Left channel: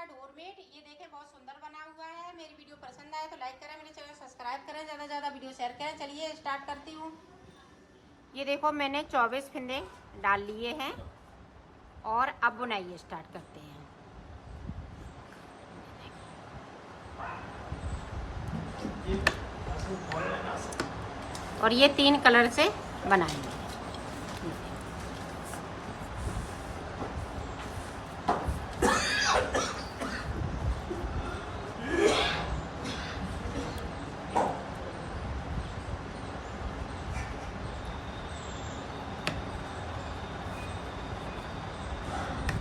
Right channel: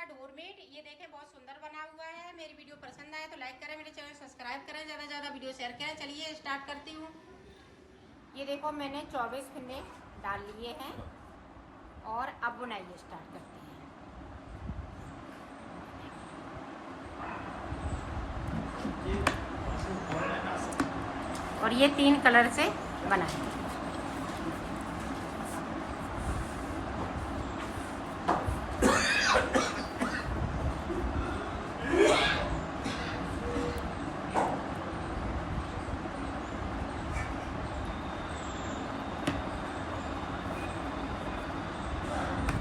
का डोरमेट। ये देखें बहुत सुंदर बना हुआ है। मेरी वीडियो पसंद आए तो लाइक करें, मेरे चैनल सब्सक्राइब करें, ज़्यादा से ज़्यादा वीडियो शेयर करें। चलिए स्टार्ट करती हूँ। ये देखो मैंने 24 फिंदे डाल लिए हैं और अब बुनाई स्टार्ट करते हैं। और ये 3 कलर से बनाएंगे।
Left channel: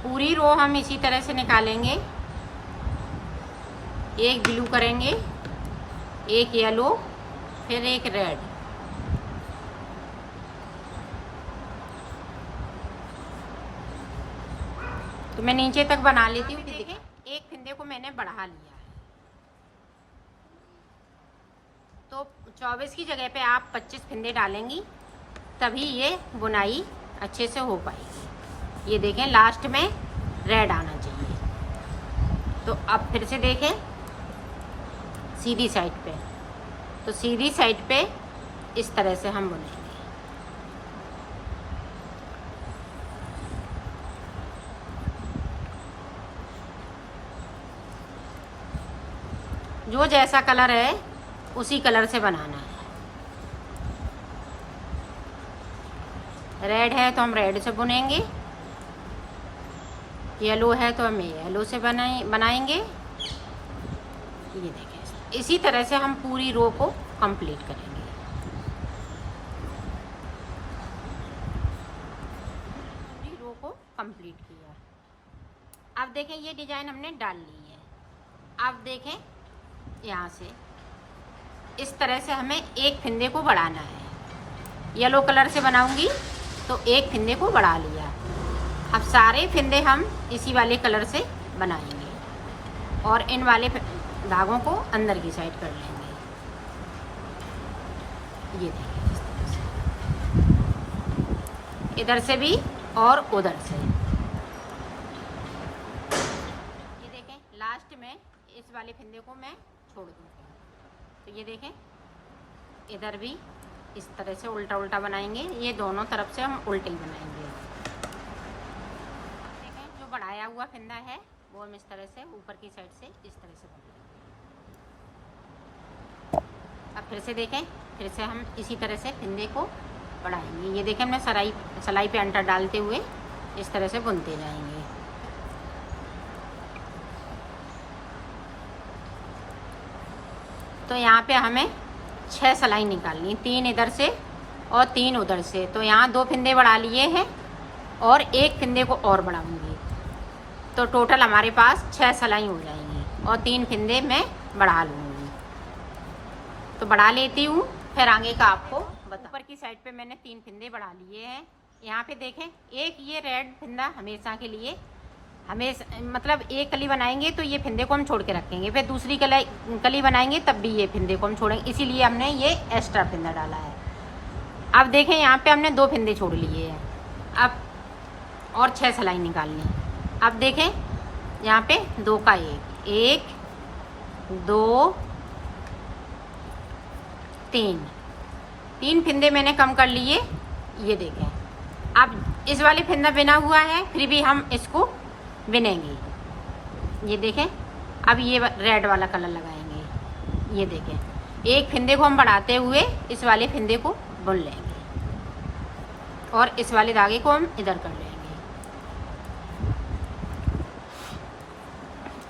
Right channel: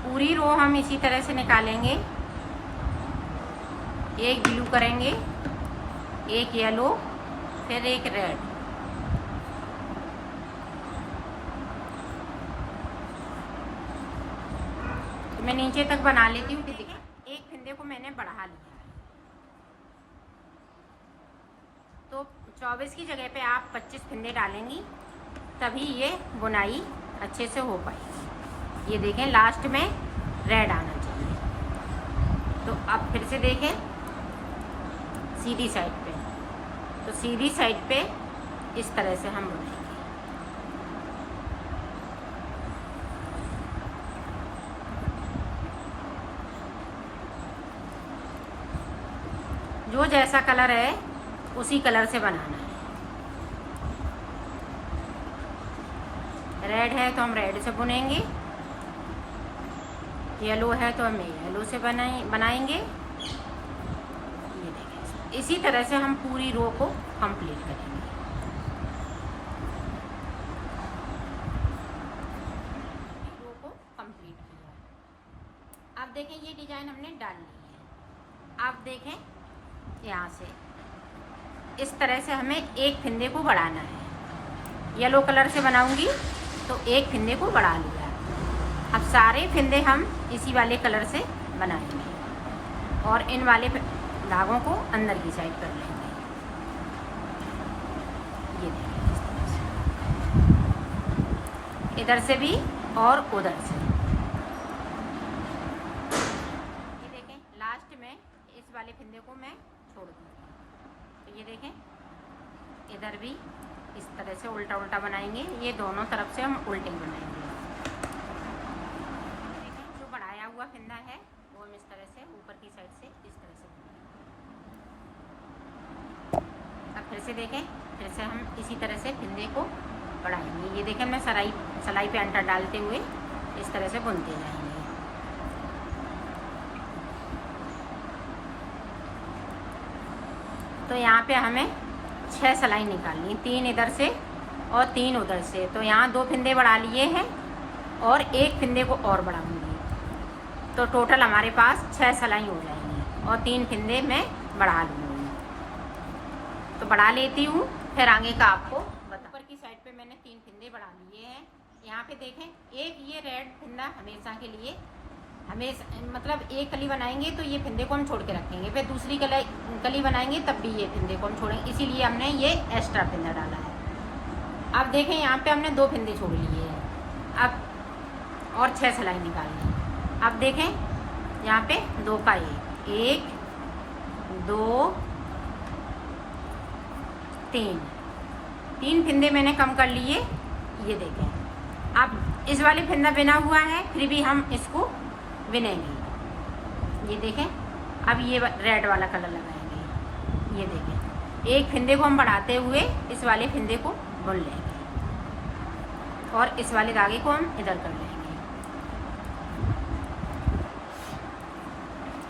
पूरी रो हम इसी तरह से निकालेंगे। एक ब्लू करेंगे, एक येलो, फिर एक रेड। तो मैं नीचे तक बना लेती हूँ। देखें एक फिंदे को मैंने बढ़ा लिया है। तो 24 की जगह पे आप 25 फिंदे डालेंगी, तभी ये बुनाई अच्छे से हो पाएगी। ये देखें लास्ट में रेड आना चाहिए। तो अब फिर से देखें सीधी साइड पे। तो सीधी साइड पे इस तरह से हम बुनेंगे। जो जैसा कलर है उसी कलर से बनाना है। रेड है तो हम रेड से बुनेंगे, येलो है तो हम येलो से बनाएंगे। ये देखिए इसी तरह से हम पूरी रो को कंप्लीट करेंगे। पूरी रो को कंप्लीट किया। अब देखें ये डिजाइन हमने डाल ली है। अब देखें यहाँ से इस तरह से हमें एक फिंदे को बढ़ाना है। येलो कलर से बनाऊंगी तो एक फिंदे को बढ़ा लिया। अब सारे फिंदे हम इसी वाले कलर से बनाएंगे और इन वाले धागों को अंदर की साइड कर लेंगे। ये इधर से भी और उधर से। ये देखें लास्ट में इस वाले फिंदे को मैं छोड़ दूँगी। तो ये देखें इधर भी इस तरह से उल्टा उल्टा बनाएंगे। ये दोनों तरफ से हम उल्टे बनाएंगे। जो बढ़ाया हुआ फिंदा है वो हम इस तरह से ऊपर की साइड से इस तरह से बनाएंगे। अब फिर से देखें, फिर से हम इसी तरह से फिंदे को बढ़ाएंगे। ये देखें मैं सलाई पे अंटर डालते हुए इस तरह से बुनते जाएंगे। तो यहाँ पे हमें 6 सलाई निकालनी, 3 इधर से और 3 उधर से। तो यहाँ 2 फिंदे बढ़ा लिए हैं और एक फिंदे को और बढ़ाऊंगी। तो टोटल हमारे पास 6 सलाई हो जाएंगी और 3 फिंदे मैं बढ़ा लूँगी। तो बढ़ा लेती हूँ, फिर आगे का आपको ऊपर की साइड पे मैंने 3 फिंदे बढ़ा लिए हैं। यहाँ पे देखें एक ये रेड फिंदा हमेशा के लिए, हमेशा मतलब एक कली बनाएंगे तो ये फिंदे को हम छोड़ के रखेंगे, फिर दूसरी कली बनाएंगे तब भी ये फिंदे को हम छोड़ेंगे, इसीलिए हमने ये एक्स्ट्रा फिंदा डाला है। अब देखें यहाँ पे हमने 2 फिंदे छोड़ लिए हैं। अब और 6 सलाई निकालनी। अब देखें यहाँ पे 2 का 1 2 3 फिंदे मैंने कम कर लिए। ये देखें अब इस वाले फिंदा बिना हुआ है, फिर भी हम इसको बिनेंगे। ये देखें अब ये रेड वाला कलर लगाएंगे। ये देखें एक फिंदे को हम बढ़ाते हुए इस वाले फिंदे को बुन लेंगे और इस वाले धागे को हम इधर कर लेंगे।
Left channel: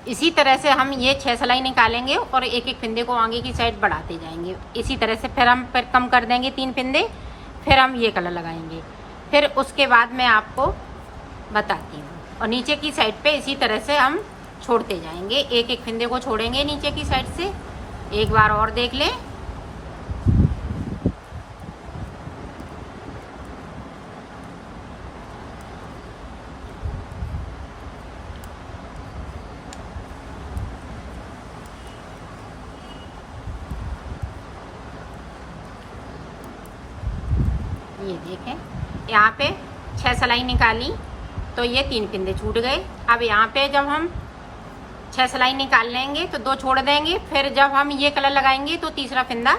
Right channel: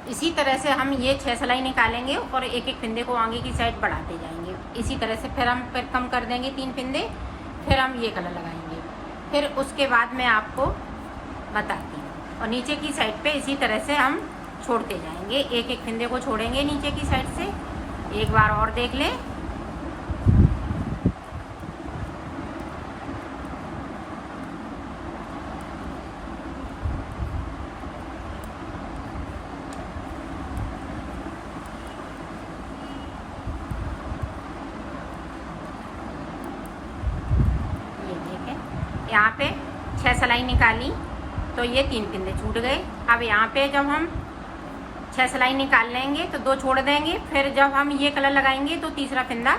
इसी तरह से हम ये 6 सलाई निकालेंगे और एक एक फिंदे को आगे की साइड बढ़ाते जाएंगे। इसी तरह से फिर हम कम कर देंगे 3 फिंदे, फिर हम ये कलर लगाएंगे। फिर उसके बाद मैं आपको बताती हूँ। और नीचे की साइड पे इसी तरह से हम छोड़ते जाएंगे, एक एक फिंदे को छोड़ेंगे नीचे की साइड से। एक बार और देख लें। ये देखें यहाँ पे 6 सलाई निकाली तो ये 3 फिंदे छूट गए। अब यहाँ पे जब हम 6 सिलाई निकाल लेंगे तो 2 छोड़ देंगे, फिर जब हम ये कलर लगाएंगे तो तीसरा फिंदा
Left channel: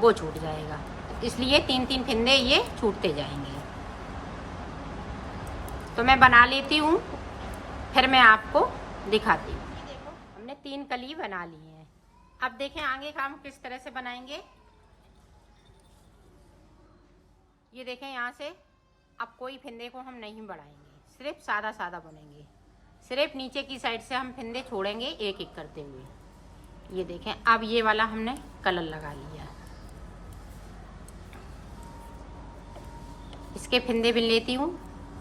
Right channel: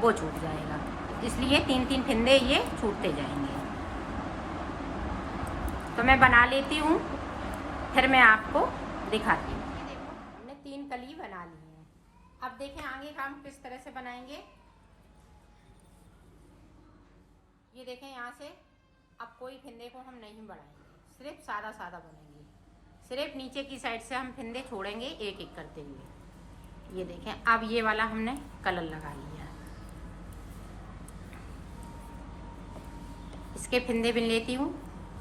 वो छूट जाएगा, इसलिए 3-3 फिंदे ये छूटते जाएंगे। तो मैं बना लेती हूँ, फिर मैं आपको दिखाती हूँ। देखो हमने 3 कली बना ली है। अब देखें आगे का हम किस तरह से बनाएंगे। ये देखें यहाँ से अब कोई फिंदे को हम नहीं बढ़ाएंगे, सिर्फ सादा सादा बनेंगे। सिर्फ नीचे की साइड से हम फिंदे छोड़ेंगे एक एक करते हुए। ये देखें अब ये वाला हमने कलर लगा लिया। इसके फिंदे बिन लेती हूँ,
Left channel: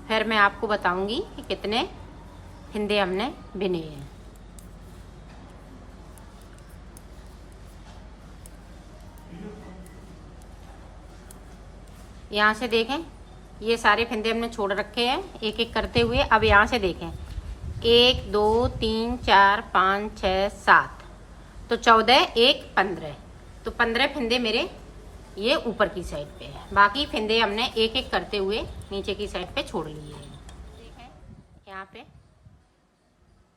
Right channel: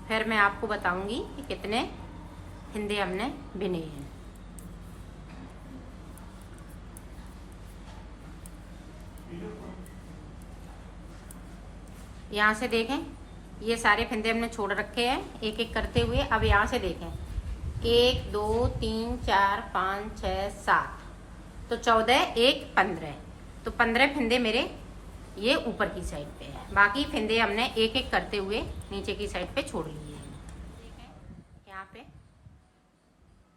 फिर मैं आपको बताऊंगी कि कितने फिंदे हमने बिने हैं। यहाँ से देखें ये सारे फिंदे हमने छोड़ रखे हैं एक एक करते हुए। अब यहाँ से देखें 1 2 3 4 5 6 7 तो 14 1 15, तो 15 फिंदे मेरे ये ऊपर की साइड पे है। बाकी फिंदे हमने एक एक करते हुए नीचे की साइड पे छोड़ लिए हैं। देखें यहाँ पे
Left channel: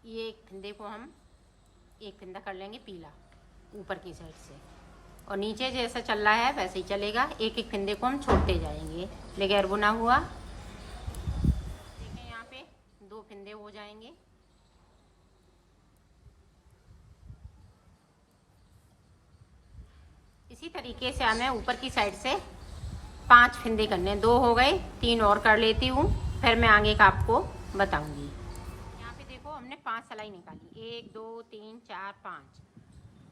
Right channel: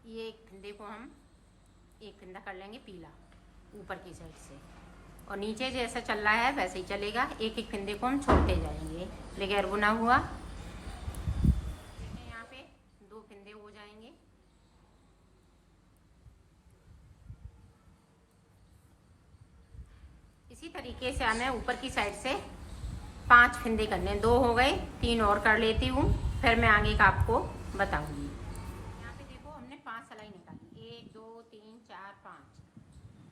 ये एक फिंदे को हम एक फिंदा कर लेंगे पीला ऊपर की साइड से, और नीचे जैसा चल रहा है वैसे ही चलेगा। एक एक फिंदे को हम छोड़ते जाएंगे बगैर बुना हुआ। यहाँ पे 2 फिंदे हो जाएंगे। इसी तरीके से हमें ऊपर की साइड से 5 फिंदे करने, 2 हो गए, 3 और कर लेती हूँ, फिर मैं आगे का आपको बताऊंगी। यहाँ पे देखो हमने 5 सिलाई निकाली, 1 2 3 4 5,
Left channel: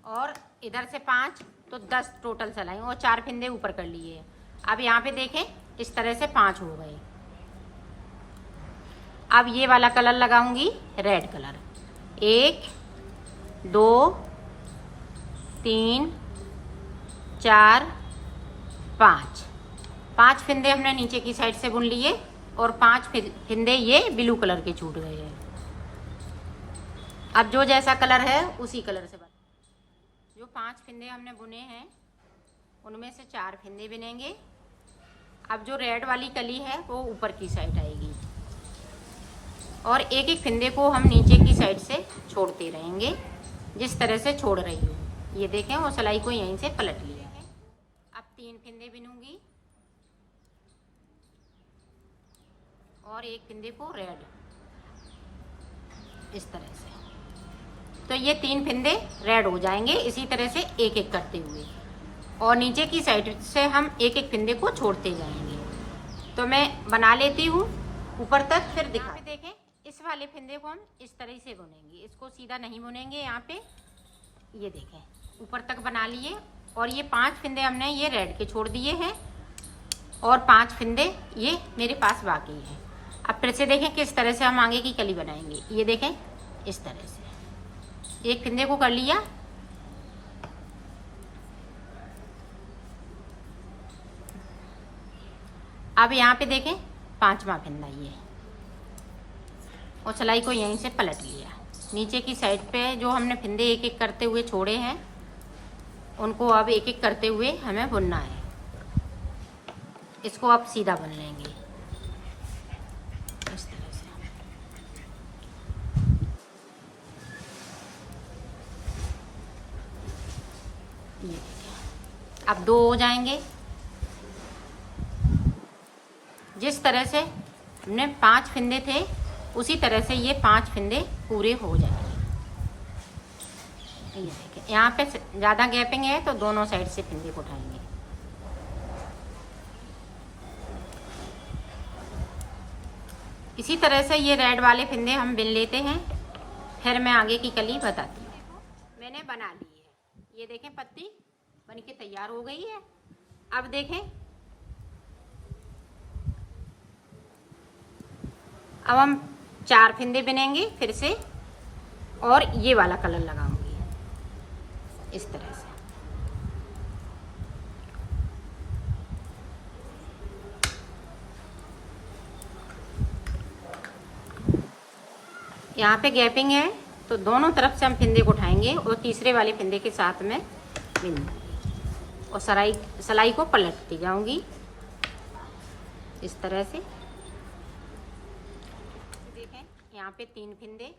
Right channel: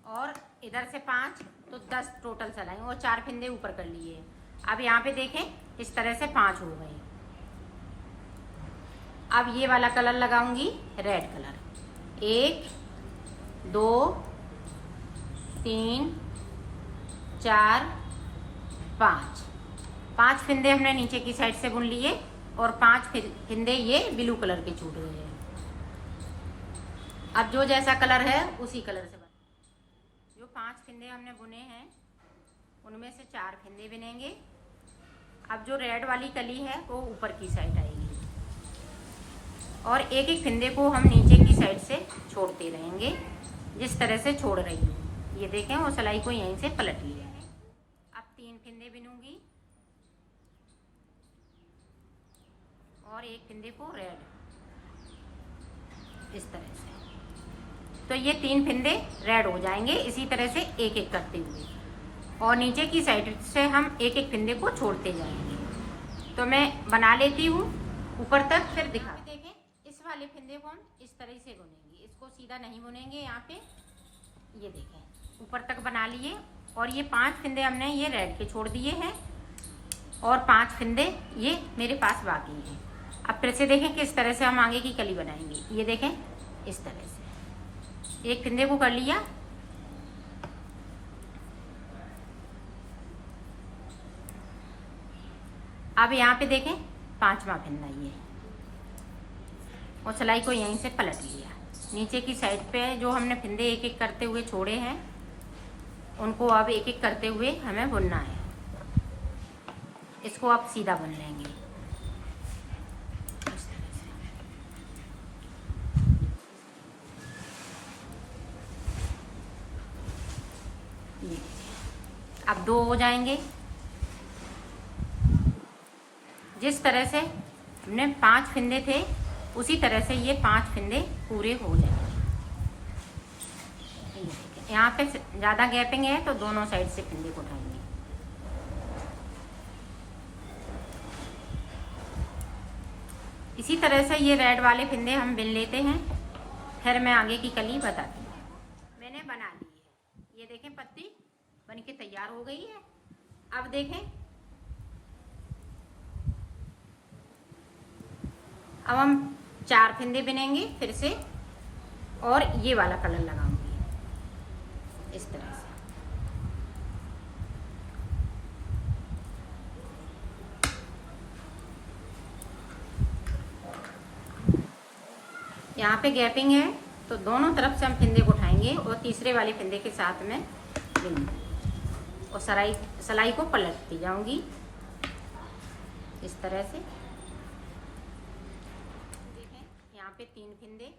और इधर से 5 तो 10 टोटल सिलाई, और 4 फिंदे ऊपर कर लिए। अब यहाँ पे देखें इस तरह से 5 हो गए। अब ये वाला कलर लगाऊंगी रेड कलर, 1 2 3 4 5 फिंदे हमने नीचे की साइड से बुन लिए, और 5 फिंदे ये ब्लू कलर के छूट गए हैं। अब जो जैसा कलर है उसी कलर से जो 5 फिंदे हमने बुने हैं उनमें से 4 फिंदे बिनेंगे। अब जो रेड वाली कली है वो ऊपर की साइड आएगी, और एक एक फिंदे को हम नीचे की साइड से छोड़ते रहेंगे जिस तरह से छोड़ रही हूँ। ये देखें और सिलाई को यहीं से पलट लिया है। अब 3 फिंदे बिनूंगी और एक फिंदे को रेड इस तरह से, तो ये 3 फिंदे रेड हो जाएंगे। इसी तरह से एक एक करते हुए, और नीचे की साइड से हम एक एक फिंदे को छोड़ते जाएंगे। तो मैं बना लेती हूँ ऊपर तक, फिर दिखा। देखें इस वाले फिंदे को हम इस तरह से बुनेंगे, इसको सीधा नहीं बुनेंगे। यहाँ पे ये देखें ऊपर तक बना लिए, और ये 5 फिंदे हमने ये रेड के छोड़ दिए हैं, और 5 फिंदे ये मेरे पास बाकी हैं। अब फिर से देखें किस तरह से हम आगे की कली बनाएंगे। ये देखें इस तरह से एक फिंदे को कर लिया, अब यहाँ पे देखें 5वां फिंदा ये है, और सिलाई को यहीं से पलट लिया। नीचे की साइड पे जो हमने फिंदे एक एक करते हुए छोड़े हैं उनको अब एक एक करते हुए हमें बुनना है। इसको अब सीधा बुन लेंगे इस तरह से। अब 2 हो जाएंगे। जिस तरह से हमने 5 फिंदे थे उसी तरह से ये 5 फिंदे पूरे हो जाएंगे। ये देखिए यहाँ पे ज़्यादा गैपिंग है तो दोनों साइड से फिंदे को उठाएंगे। इसी तरह से ये रेड वाले फिंदे हम बिन लेते हैं, फिर मैं आगे की कली बताती हूँ। मैंने बना ली है, ये देखें पत्ती बन के तैयार हो गई है। अब देखें अब हम 4 फिंदे बिनेंगे फिर से, और ये वाला कलर लगाऊंगी इस तरह से। यहाँ पे गैपिंग है तो दोनों तरफ से हम फिंदे को उठाएंगे और तीसरे वाले फिंदे के साथ में बिन, और सिलाई को पलटती जाऊंगी इस तरह से। देखें यहाँ पे 3 फिंदे,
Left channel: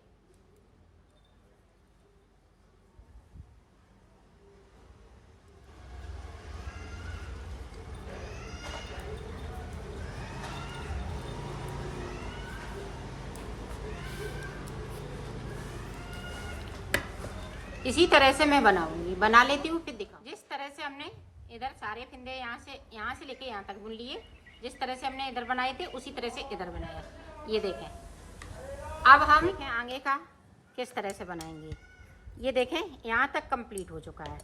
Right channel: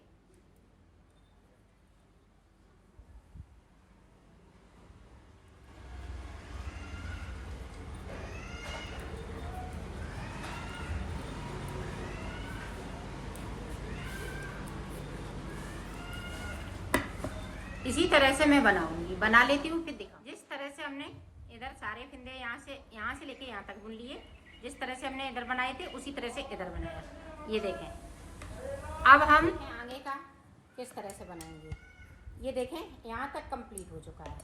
इसी तरह से मैं बनाऊंगी, बना लेती हूँ फिर दिखाऊँ। जिस तरह से हमने इधर सारे फिंदे यहाँ से लेके यहाँ तक बुन लिए, जिस तरह से हमने इधर बनाए थे उसी तरह से इधर बनाया। ये देखें, अब हम आगे का किस तरह से बनाएंगे। ये देखें यहाँ तक कंप्लीट हो चुका है।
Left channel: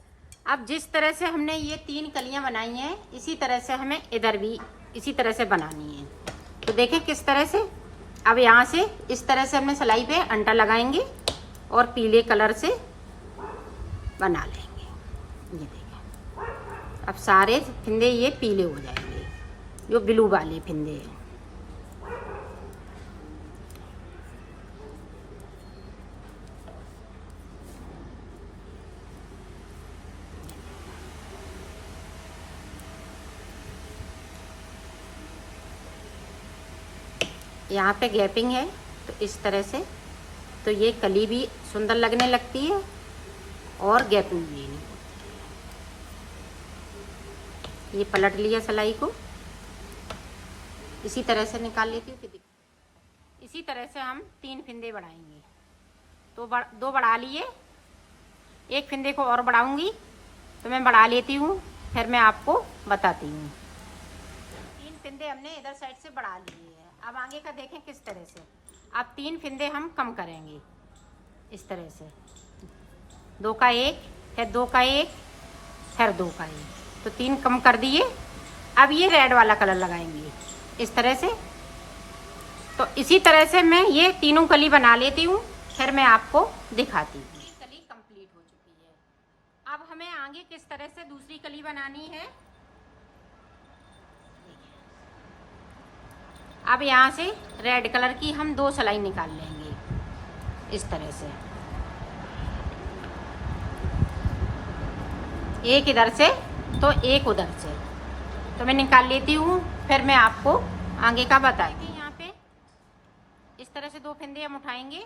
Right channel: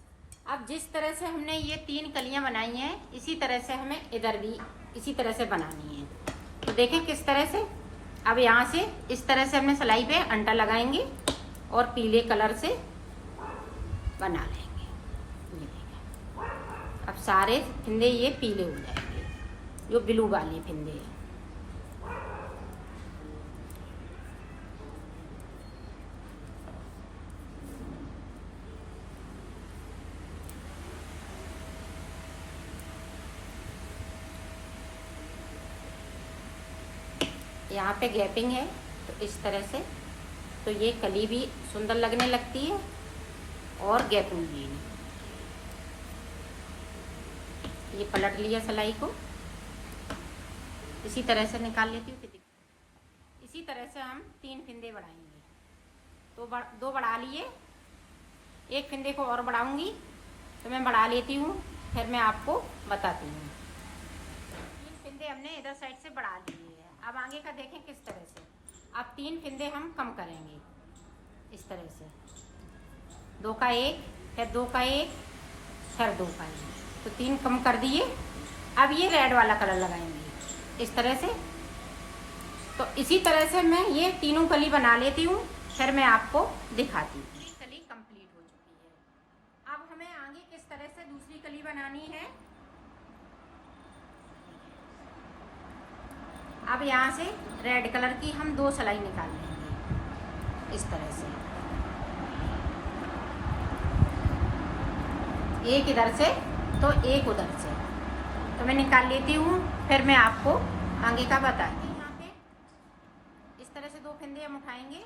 अब जिस तरह से हमने ये 3 कलियां बनाई हैं, इसी तरह से हमें इधर भी इसी तरह से बनानी है। तो देखें किस तरह से। अब यहाँ से इस तरह से हमने सिलाई पे अंटा लगाएंगे और पीले कलर से बना लेंगे। ये देखें, अब सारे फिंदे ये पीले हो जाएंगे, जो ब्लू वाले फिंदे हैं। यहाँ पे गैपिंग है तो इस तरह से, तो ये कली भी सुंदर लगने लगती है और गैपिंग भी नहीं। ये पलट लिया सिलाई को, इसी तरह से निकाल लेती हूँ। इसी तरह से हम 3 फिंदे बढ़ाएंगे। तो 2 बढ़ा लिए, एक फिंदे को और बढ़ाऊंगी, तो मैं बढ़ा लेती हूँ, फिर मैं आपको बताती हूँ। 3 फिंदे हमने इधर साइड से बढ़ा लिए हैं। अब आगे का देखें किस तरह से। अब 3 फिंदे हम कम करेंगे इस तरह से, 2 का 1, फिर 2 का 1, फिर 2 का 1, तो 3 कम कर दिए। अब ये रेड वाला कलर लगाएंगे इस तरह से। तो इसी तरह से मैं ये तीनों कली बना लेती हूँ, फिर मैं आपको दिखाती हूँ। कली कंप्लीट हो चुकी है। अब हमें आगे किस तरह से दूसरी कली बनानी है। अब यहाँ से रेड कलर की हम 2 सिलाई निकाल लेंगे इस तरह से, एक इधर से तो एक उधर से। तो मैं निकाल लेती हूँ, फिर मैं आपको आगे का बताऊँगी। यहाँ पे इस तरह से 2 फिंदे हम उठाएंगे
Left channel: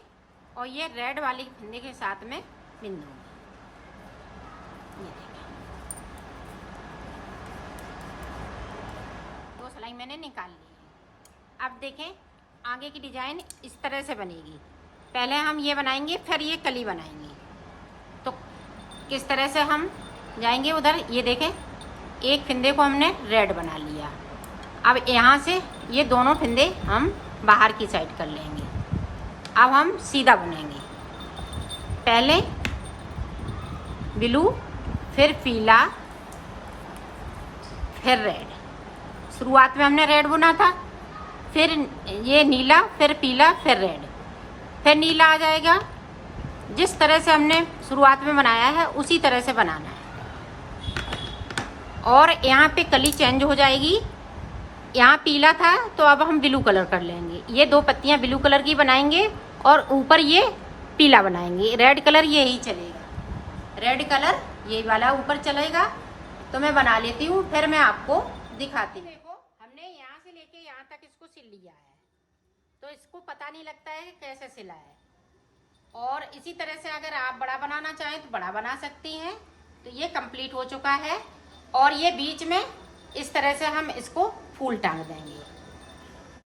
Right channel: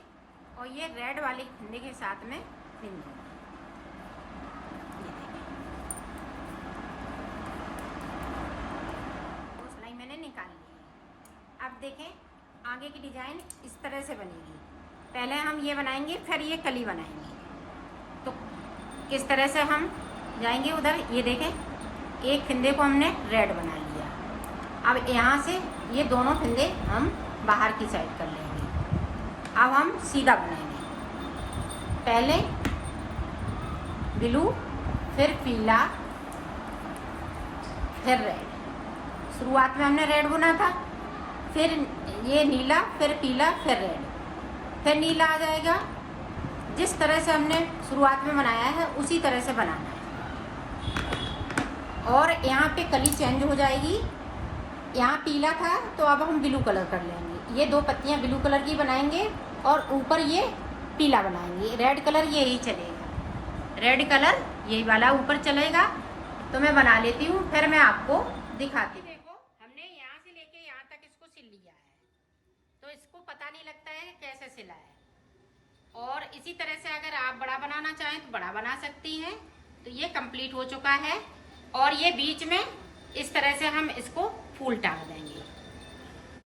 और ये रेड वाले फिंदे के साथ में बिन दूँगी। 2 सिलाई मैंने निकाल ली। अब देखें आगे की डिजाइन इस तरह से बनेगी। पहले हम ये बनाएंगे, फिर ये कली बनाएंगे। तो किस तरह से हम जाएंगे उधर, ये देखें एक फिंदे को हमने रेड बना लिया। अब यहाँ से ये दोनों फिंदे हम बाहर की साइड कर लेंगे। अब हम सीधा बुनेंगे, पहले ब्लू, फिर पीला, फिर रेड। शुरुआत में हमने रेड बुना था, फिर ये नीला, फिर पीला, फिर रेड, फिर नीला आ जाएगा। जिस तरह से हमने शुरुआत में बनाया है उसी तरह से बनाना है। और यहाँ पे कली चेंज हो जाएगी। यहाँ पीला था तो अब हम ब्लू कलर कर लेंगे। ये 2 पत्तियाँ ब्लू कलर की बनाएंगे और ऊपर ये पीला बनाएंगे। रेड कलर यही चलेगा, रेड कलर यही वाला ऊपर चलेगा। तो मैं बना लेती हूँ, फिर मैं आपको दिखाती हूँ। देखो हमने यहाँ से लेके यहाँ तक इसको सिल लिया है, तो इसको पता नहीं लगता है कैसे सिला है। और इसी तरह से अगर आप बड़ा बनाना चाहें तो बड़ा बना सकती हैं। तो ये कंप्लीट हो चुका है और ये बीच में इस तरह से हम इसको फूल टांग देंगे।